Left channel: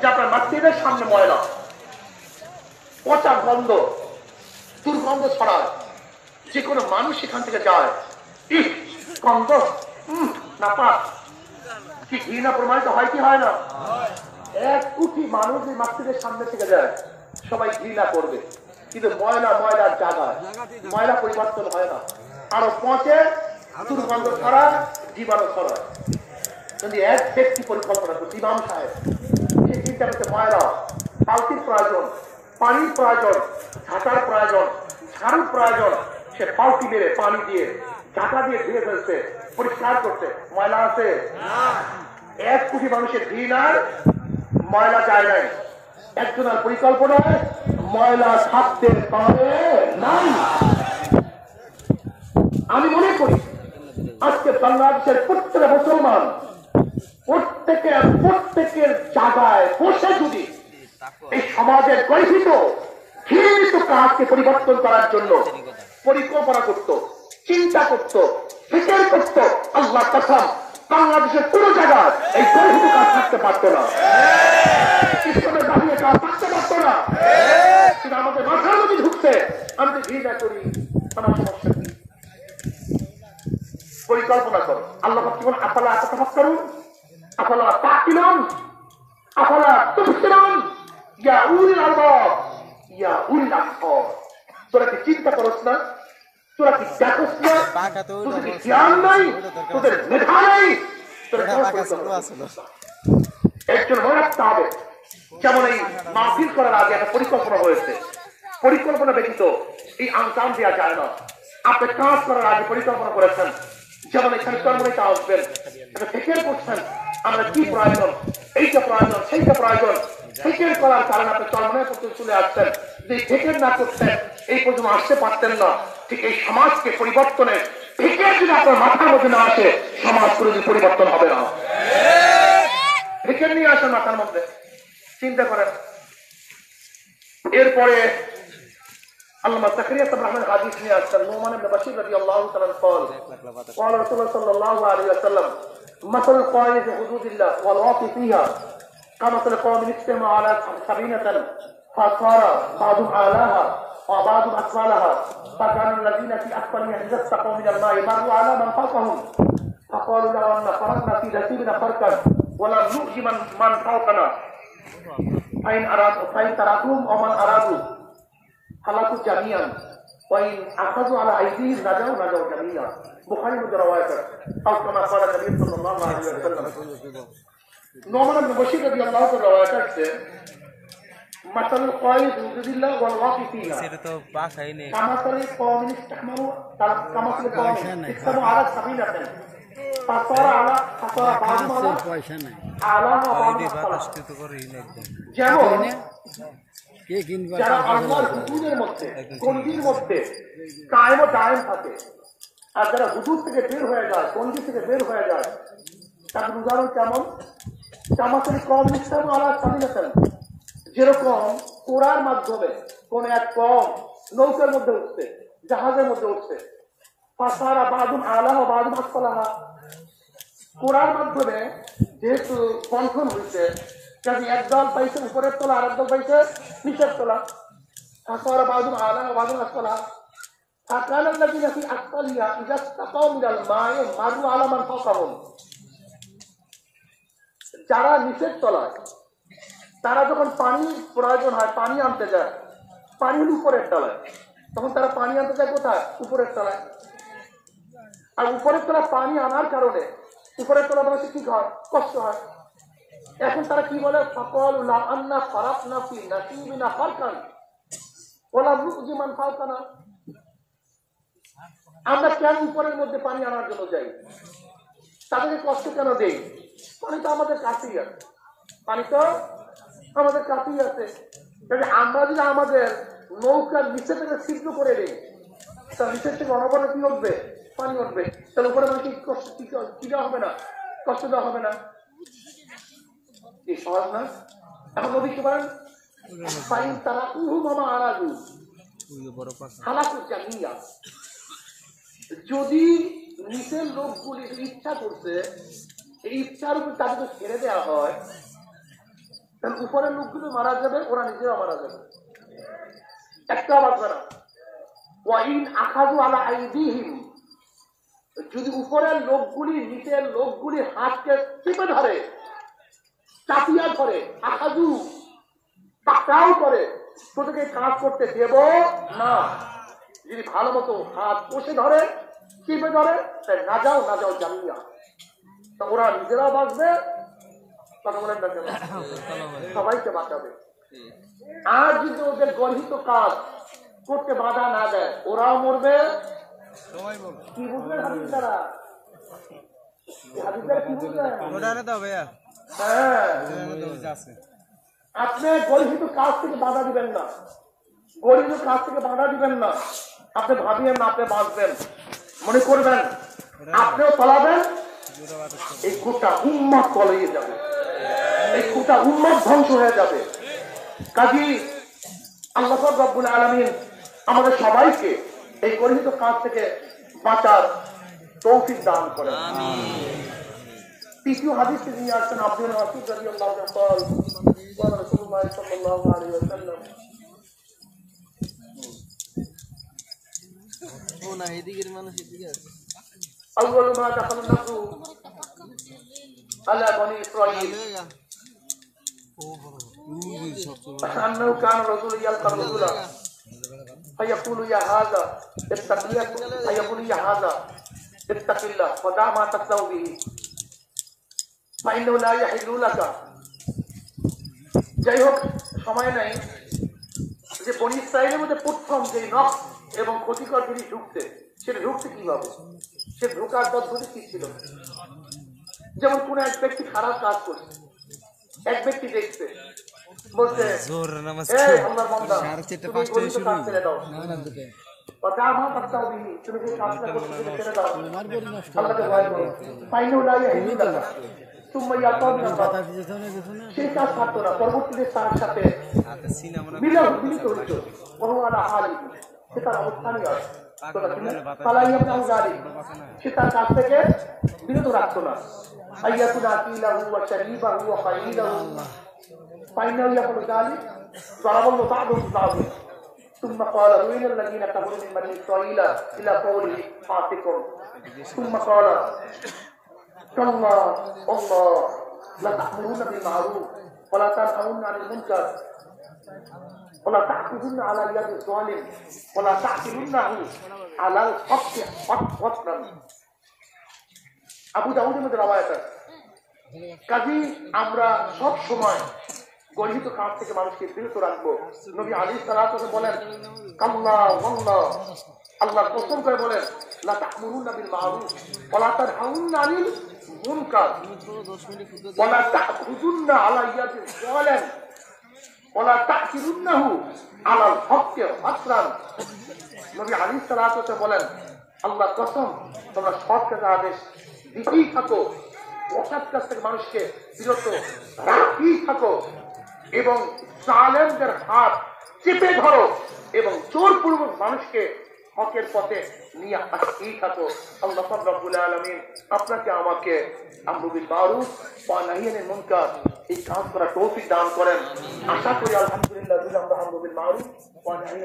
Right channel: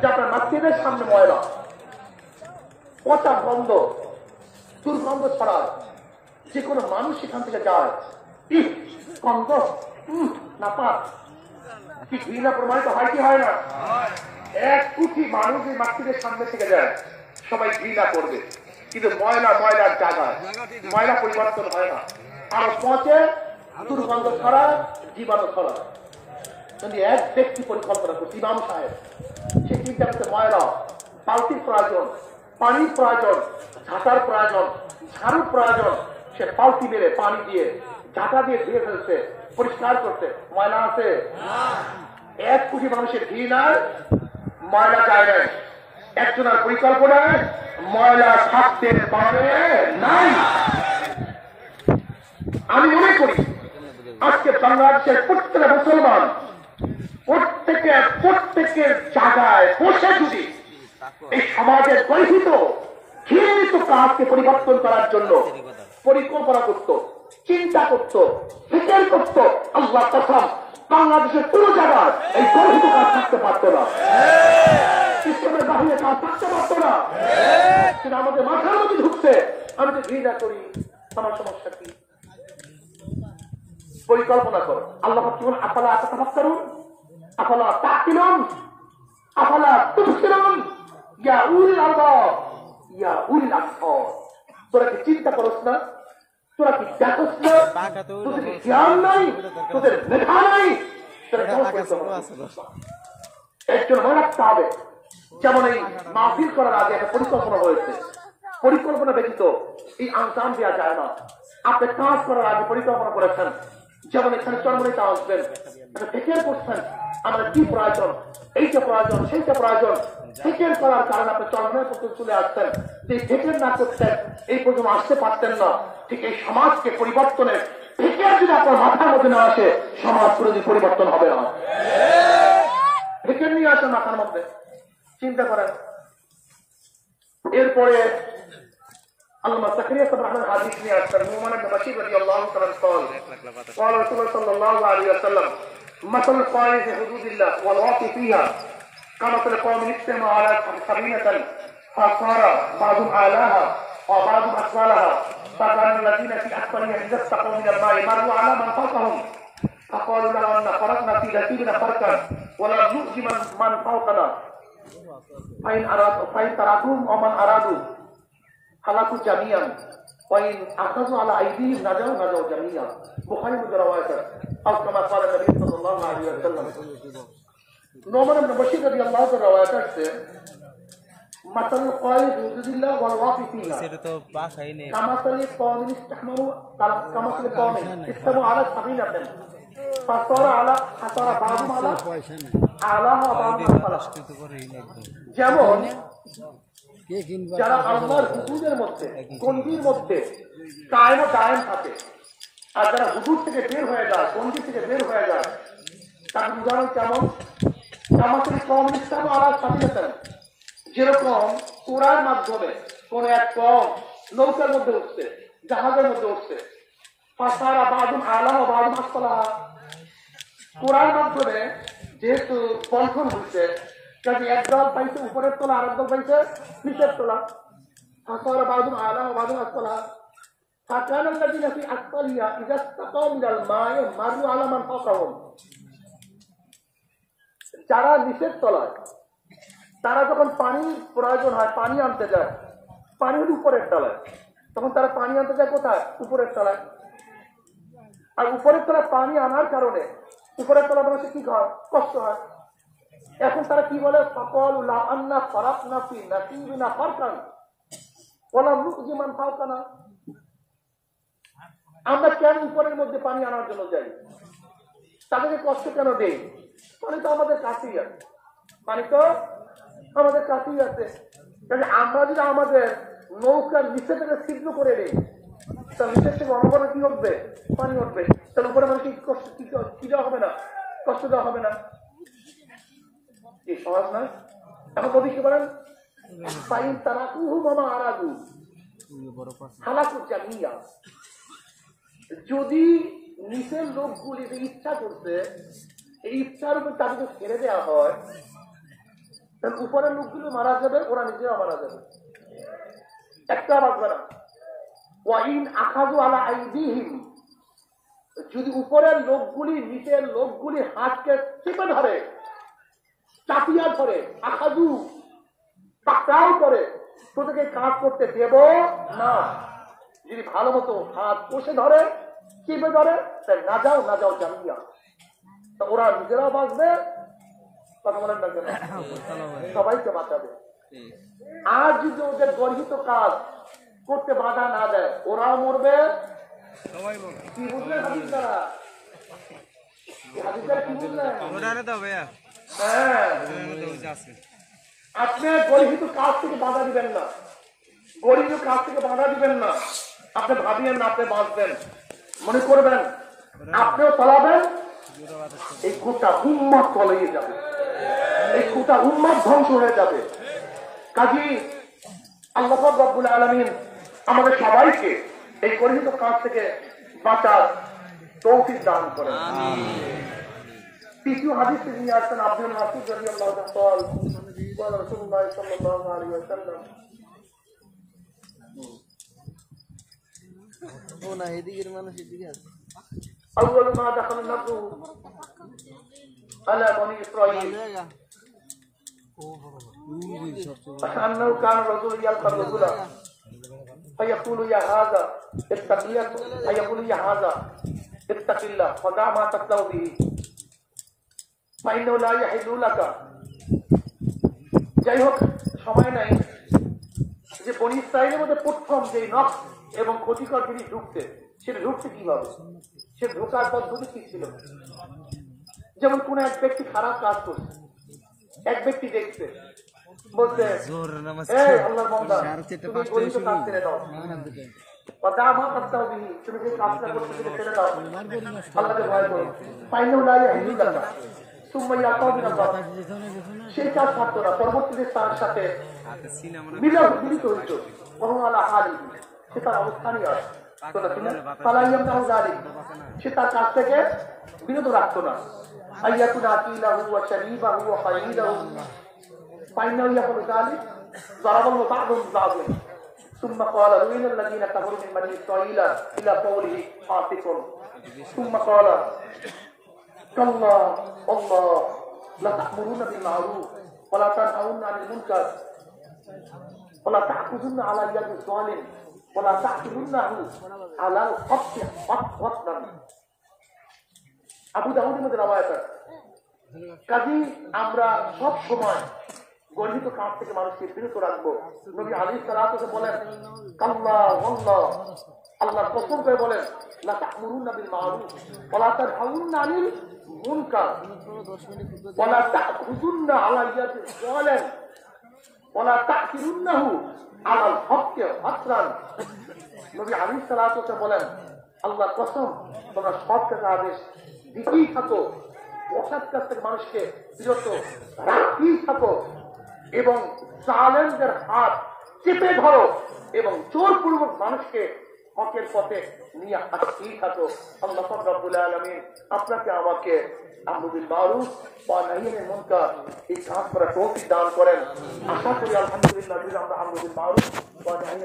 যে আপনার মসজিদের সামনে ময়লা, পচা গন্ধ, দুর্গন্ধ ছড়ায়, যে কোনো মানুষ সেখান থেকে যায়, গন্ধ না পাক, কি ঘৃণা প্রমাণিত হয় কি হয় না? 1 কোটি মানুষ এই মসজিদের সামনে থেকে যায়, সবাই ঘৃণা করবে, কিন্তু ময়লা ময়লার জায়গা, ময়লা পরিবর্তন হয় না, আরো পচে, দুর্গন্ধ ছড়ায়, জীবাণু ছড়ায়। যদি এক ব্যক্তি পরিকল্পনা করছে, ইমাম সাহেব, সে চিন্তা করছে ময়লা, বালতির প্রয়োজন, পানির প্রয়োজন, ঝাঁটার প্রয়োজন, ঝাড়ুর প্রয়োজন, সে পালতি মেরে পানি দিয়ে ঝাঁটা দিয়ে ধুয়ে ফেলছে, পরিষ্কার করছে, ময়লা আছে? 1 কোটি মানুষের ঘৃণার ময়লা যায় নাই, একজনের পরিকল্পনায় ময়লা থাকতে পারে নাই। আমি মনে করি আজকে বাংলাদেশের প্রত্যেকটা মুসলমান প্রত্যেকের জায়গায় বসে যদি এই সমাজের গঠিত ঘৃণিত কাজকে পরিবর্তন করার জন্য পরিকল্পনা করত, চিন্তা করত, ফিকির করত, আল্লাহ কসম বাংলাদেশের কোন জায়গায় এই গঠিত কাজ থাকতে পারত না, ইসলামের বাহিরে কাজ থাকতে পারত না। সেটা আমাদের মাথার মধ্যে ঢুকছে, আমি তো ঘৃণা করি, আমার সমস্যা কি? পরিকল্পনা করো। আল্লাহ কি বলেন? আফালা তাতাফাক্কারুন, আফালা তাকিলুন, আফালা তুবসিরুন, ইয়া উলিল আলবাব, ইয়া উলিল আবসার। তোরা কি চিন্তা করছ না? তোরা কি দেখছ না? তোদের কি জ্ঞান নাই? তোদের মেধা নাই? একজন মনে রাখতে হবে, যেমন এই মাহফিল করার আগে একটা পরিকল্পনা হয়েছে, পরিকল্পনা ব্যতীত এই আঞ্জাম দেওয়া যায় না। আপনি কাজ করার আগে পরিকল্পনা করেছেন, যেমন এখানে চন্দ্রিকা আসবেন, এটা ফিকির করছেন আমার কি প্রয়োজন, এইটা প্রয়োজন, সেইটা প্রয়োজন, ফিকির করার কারণে আপনি চন্দ্রের প্রতি চলে আসছেন। যে ফিকির না করতেন এই পর্যন্ত আসতে পারতেন না। ঠিক এই সমাজকে পরিবর্তনের ফিকির যদি আপনার মাথার মধ্যে না আসে, সমাজ কোনোদিন পরিবর্তন হবে না। ফিকির নিয়ে আসেন মাথার মধ্যে, চিন্তা করেন। এরপরে আল্লামা তাকরিয়া সাহেব রহমান হাদিস নিয়ে আসছেন, নুমান ইবনে বাশীর রাদিয়াল্লাহু তাআলা قال قال رسول الله صلى الله عليه وسلم مثل القائم في حدود الله والواقف فيها كمثل قوم اجتمعوا على سفينة فصار بعضهم أعلاها وبعضهم أسفلها فكان الذين في أسفلها إذا استقوا من الماء مروا على من فوقهم فقالوا لو أن فرضنا في نصيبنا فرقا ولم نؤذي من فوقنا فإن تركوهم ومن أرادوا হালাকু জামিয়ান ওয়াইন আখাযু আলা আইদিহিম নাজাউ জামিয়া। বুখারী মধ্যে রওয়ায়াত আও কামা ক্বালা নবী সাল্লাল্লাহু আলাইহি ওয়াসাল্লাম। নুমান ইবনে বাশীর রাদিয়াল্লাহু তাআলা রওয়ায়াত আছে, মাসালুল কায়দ হুদুদিল্লাহ ওয়াল ওয়াকিফ ফিহা সেটা তো ভাষাই নেই, কামাসাল কওমিন ইসতাহমারু কামাসাল কওমিন ইসতাহমারু আলা সাবিনাতিন ফাসারা আলা ফাসারা বাযু আলা পয়সা নেই আলা আলাস্কৃত করে একদম যেমন যারা আল্লাহর হুকুমের মধ্যে, গণ্ডির মধ্যে কায়েম ও দায়েম থাকে, আর যারা হুকুম থেকে বের হয়ে যায়, গণ্ডি থেকে বের হয়ে যায়, তার উদাহরণ কেমন? কামাসিল কওম ইসতাহমারু আলা সাবিনাতিন, যেরকম কোরআর মাধ্যমে কোন এক কওম নৌকার মধ্যে উঠছে, জাহাজের মধ্যে উঠছে, ফাসারা বাযুন আলা ওয়া বাযুন আসফালাহা, কোরআর মাধ্যমে যেহেতু বন্ধন হচ্ছে, কাজে একদল পাইছে উপরের তলা, আর একদল পাইছে নিচের তলা। ফাসারা বাযুন আলা ওয়া বাযুন আসফালাহা ফাকানা আল্লাযীনা ফি আসফালিহা ইযা ইসতাকাউ মিনাল মা'i মারু আলা মান ফাওকাহুম, যারা নিচের তলা তারা যখন পানি প্রয়োজন হয়, পানি আনতে যায়, পানি উপরের তলায়, তখন তারা পানি আনতে যায় কোথায়? উপরের তলায়। আর উপরের তলায় পানি আনার কারণে উপরের তলা মানুষের কি হয়? কষ্ট হয়। এখন তারা কি বলে? সকল লা আন্না ফারাকনা ফি নাসিবিনা ফারকান ওয়ালা নুজি মান ফারকানা, আমরা কেন উপরের মধ্যে পানি আনার জন্য যাই? তাদেরকে কষ্ট কেন দেই? পানি তো আমাদের কাছেই আছে, পানি তো আমাদের কাছেই আছে। তাহলে আমরা যদি আমাদের নৌকার নিচে থেকে ছিদ্র করে দিই, তার নিচের থেকে অনবরত কি হবে? পানি হবে। তাহলে উপরে আমাকে কষ্ট কি দেওয়া হবে না? কষ্ট দেওয়া হবে না? এই সহজ না? এখন যদি কি বলেন তারা মামা আরাধু হালাকু জামিয়া, যদি নিচের লোকগুলি ইচ্ছা করছে, এই ইচ্ছার উপর তাদেরকে ছেড়ে দেওয়া হয়, উপরের লোকগুলো মারা যাবে, ওরা নিজেরা মারা যাবে, একটা বাঁচবে না। ওয়াইন আখাযু আলা আইদিহিম, যদি উপরের লোকগুলি নিচের লোকগুলি হাতকে চেপে ধরে, চাপিয়া ধরে, আখাযু টাকাও করে, তোদেরকে কাজ করতে দেব না। যদি ভালো মতো হাত কষে ধরে, চেপে ধরে, তাই না যাও জামিয়া, তা ওরা নিজেরা বাঁচবে, সবাইকে বাঁচাবে। আর যদি ওদের গর্হিত কাজ করতে বাধা না দেয়, ওরাও মরবে। কি বুঝলেন তারা? আপনি গর্হিত কাজ থেকে বাধা দিবেন না, গর্হিত কাজ থেকে বাধা দিবেন না। আপনি ভাবিয়েন না আপনি বাঁচবেন, মনে করবেন আপনি চলাবেন, এই গোটা উম্মত কলিয়ে যাবে, এই গোটা উম্মত ধ্বংস হয়ে যাবে। কাজী আল্লাহ রাব্বুল আলামিন আমাদের সবাইকে এই গর্হিত কাজ থেকে বাঁচার তৌফিক দান করেন। তৃতীয় হাদিস নিয়ে আসছেন আব্দুল মাসউদ রাদিয়াল্লাহু তাআলা রাসূলুল্লাহ সাল্লাল্লাহু আলাইহি ওয়াসাল্লাম। না এদিকের মানুষ এদিকে আছে। أول ما دخل الناس على بني إسرائيل أنه كان رجل يلقى رجلا فيقول يا هذا اتق الله، فيقول يا هذا اتق الله ودع ما تصنع به فإنه لا يحل لك। যাই হোক, সময় নাই যে বনি ইসরাইলের মধ্যে প্রথম যে নখ এবং ক্ষতিকর জিনিস ঢুকতে, সেটা ঢুকতে কিভাবে, সে ঢোকার পদ্ধতি কি ছিল। যেমন কোন এক ব্যক্তি খারাপ কাজ করছে, এক ব্যক্তি দেখছে, বলছে সেই কাজ থাকতো না, পরবর্তীতে তার সাথে মিলিত হইত, সে তার অবস্থানই আছে, সে তার কাছ থেকে বিরত রাখতো না। ثم قال وين الذين كفروا من بني إسرائيل إلى قوله فاسقون ثم قال كلا والله لتأمرون بالمعروف ولا تنهون عن المنكر ولا تأخذن على يد الظالم ولا تحملنه على الحق حقا। আবু দাউদের মধ্যে রওয়ায়াত আছে। কাজী আমরা সব সময় গর্হিত কাজ থেকে মানুষকে বিরত রাখবো। নবী আলাইহিস সালাতু বলেন কাল্লা ওয়াল্লাহ, আল্লাহ কসম করে বলেন লা তা'মুরুনা বিল মা'রুফ ওয়া লা তানহাউনা আনিল মুনকার ওয়া লা তা'খুযুন্না আলা ইয়াদি যালিম ওয়া লা তা'কিরুন্নাহু আলাল হক্কি হাসরান। নবী আলাইহিস সালাতু বলেন আল্লাহ কসম, তোমরা সৎ কাজের আদেশ দিতেই থাকো, অসৎ কাজ থেকে মানুষকে বিরত রাখতেই থাকো এবং জালেমদের হাত চেপে ধরো এবং জোরপূর্বক মানুষকে হকের পথে নিয়ে আসতেই থাকো। আল্লাহ রাব্বুল আলামিন আপনাকে আমাকে আমরু বিল মারুফ ওয়া নাহয়ি আনিল মুনকার এই কাজ করার তৌফিক দান করেন। আশা করি আলহামদুলিল্লাহ আমরা আমরু বিল মারুফ ওয়া নাহয়ি